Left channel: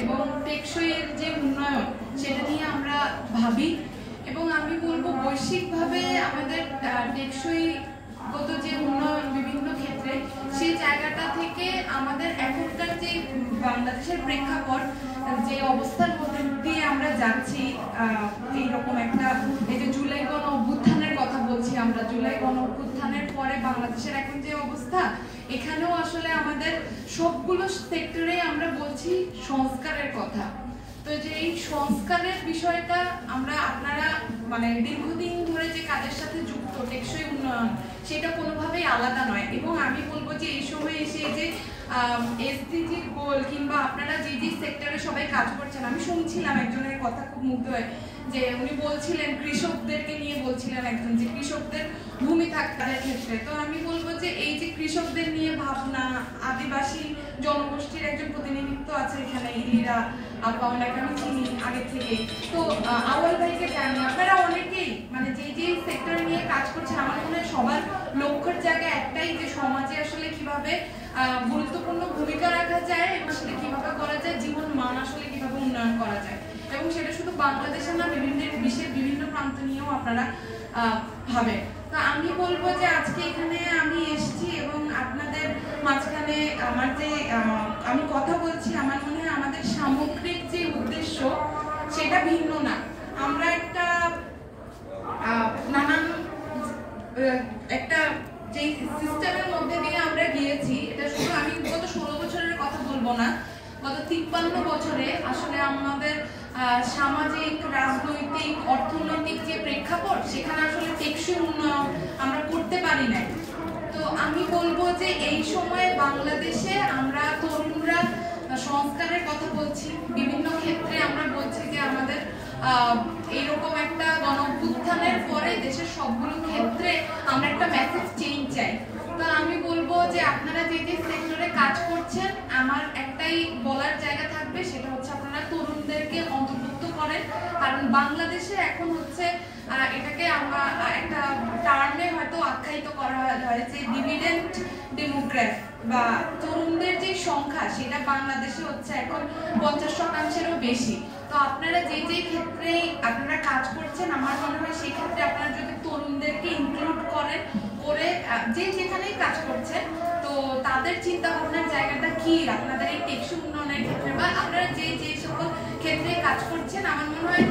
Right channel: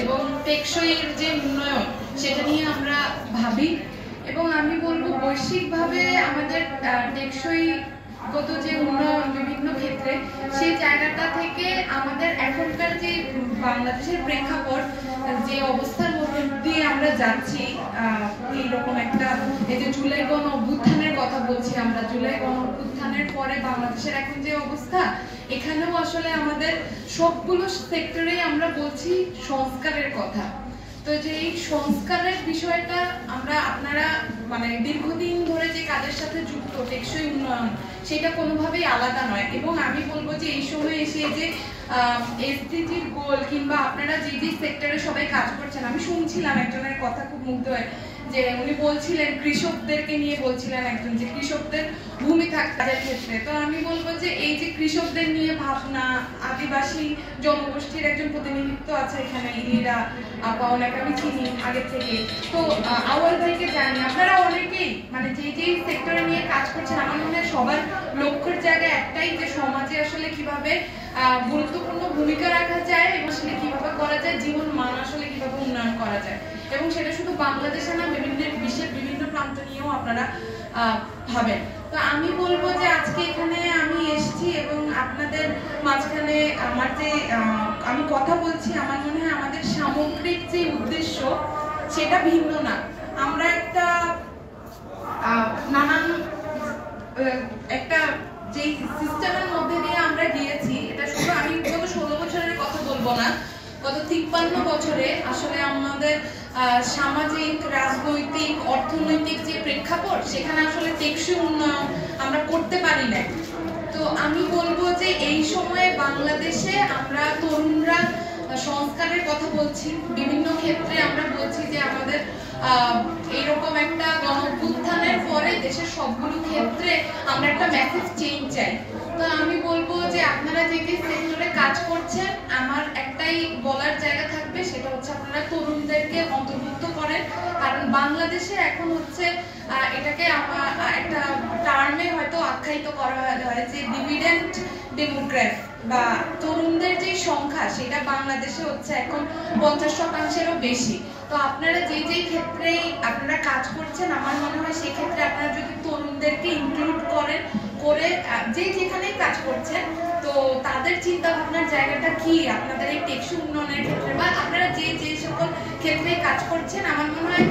এবং টেকসইয়ের যে উন্নয়ন সেটা নিয়ে আমরা ভাবি এবং আমি বলবো বৈশ্বিকভাবে আমাদের টেকসইগত যে উন্নয়ন বিভিন্ন ক্ষেত্রে সেই জায়গাটা থেকে আমাদের এখনকার যে বাংলাদেশের প্রেক্ষাপট যে অবস্থার মধ্যে দিয়ে আমরা যাচ্ছি, এইরকম একটা এই যে জুলাই গণ অভ্যুত্থানের কথা বলছি আমরা, জুলাই গণ অভ্যুত্থানের পরে বাংলাদেশের এখন যে অবস্থা, এখানেও আসলে আমাদের সবগুলো সেক্টরে আমরা বলছি সংস্কারের কথা। তো যে এই সংস্কারের বিষয়টা আমরা আপনারা মানে দীর্ঘদিন ধরে যে কাজের সাথে যুক্ত টেকসই উন্নয়ন সেটা কোনোভাবেই আলাদা নয়। এবং আমি বলবো যে এই সময় এসে যে এসডিজির গোল কিংবা আপনারা যে যে সেক্টরে সবাই কাজ করছেন, আমি শুনছিলাম একজনের কথা খুব মুগ্ধ হয়ে যে উনি বলছিলেন কৃষকদেরকে নিয়ে বলছিলেন একজন যে কৃষকদের ভূমিকা কাজের ক্ষেত্রে। তো আমি বলবো যে এই যে কৃষকদের নিয়ে ভাবনা, আদিবাসী জনগোষ্ঠীর একজন প্রতিনিধিত্ব আছে এখানে, ইরা আপা অনেক আমি চিনি আগে থেকে, তো আওয়াল ভাইকে জানি, আপনারা অনেকেই মানে যে যে সেক্টরে নিয়ে কাজ করছেন, আমার মনে হয় সবার লক্ষ্যের জায়গা একটাই যে সমাজে আসলে কিভাবে গুরুত্বপূর্ণ ভূমিকা রাখা যায় এবং সেটা কিভাবে করা যায়, জীবন মান আসলে কিভাবে উন্নয়ন করা যায়। এবং সেটা শুধু বাংলাদেশে না, বিশ্বের বিভিন্ন প্রান্ত নিয়েও আপনারা ভাবেন। তো আমি বলবো যে আজকে এখানে আমি এসেছি এবং আপনাদের মাঝখানে আমার যে আমি কথা বলছি, আমার মনে হয় আমাদের সামগ্রিক যে উদ্দেশ্য সেটা ভিন্ন না। আমরা একটা নানান একটা যে সিস্টেমের মধ্যে দিয়ে আমরা গিয়েছি, এটা শুধু আমি গত 16 বছরের কথা বলবো না, গত 53 বছরে আসলে আমাদের সামাজিক, রাজনৈতিক, অর্থনৈতিক যে প্রেক্ষাপট সেখানে আসলে টেকসই উন্নয়ন আমরা করতে পারি না। তো আমি বলবো যে এই সময়ে বাংলাদেশে আমরা তরুণরা সংস্কারের কথা বলছি, বিভিন্ন ক্ষেত্রে আমরা বলছি যে আমাদের এইরকম একটা গণঅভ্যুত্থানের পরে দেশের সবগুলো ক্ষেত্রে আমরা একটা ম্যাসিভ চেঞ্জ চাই। তো আমি বলবো যে আপনারা যে যে সেক্টরে কাজ করছেন, আমার একটাই বলার জায়গা থাকবে, সেটা হচ্ছে আপনারা তরুণদেরকে অন্তর্ভুক্ত করেন। কারণ বাংলাদেশে এখন হচ্ছে এটাকে একটা টার্মে হয়তো আখ্যায়িত করা হয়েছে ডিভিডেন্ট ডেমোগ্রাফি, বা তরুণদের যে সংখ্যা সেটা বাংলাদেশে হচ্ছে এখন 50%-এরও বেশি। তো আপনারা যে যে ক্ষেত্রেই আপনারা কাজ করছেন, আমার মনে হয় সেই ক্ষেত্রে আপনারা যদি তরুণদেরকে ইনক্লুড করেন, করে যে যেখানেই কাজ করছেন, তো তাদের চিন্তা ভাবনার জায়গাটা কি আপনাদের এই টেকসই উন্নয়নের ক্ষেত্রে বা আপনারা যে যে সকল ক্ষেত্রে কাজ করছেন, আমার মনে হয়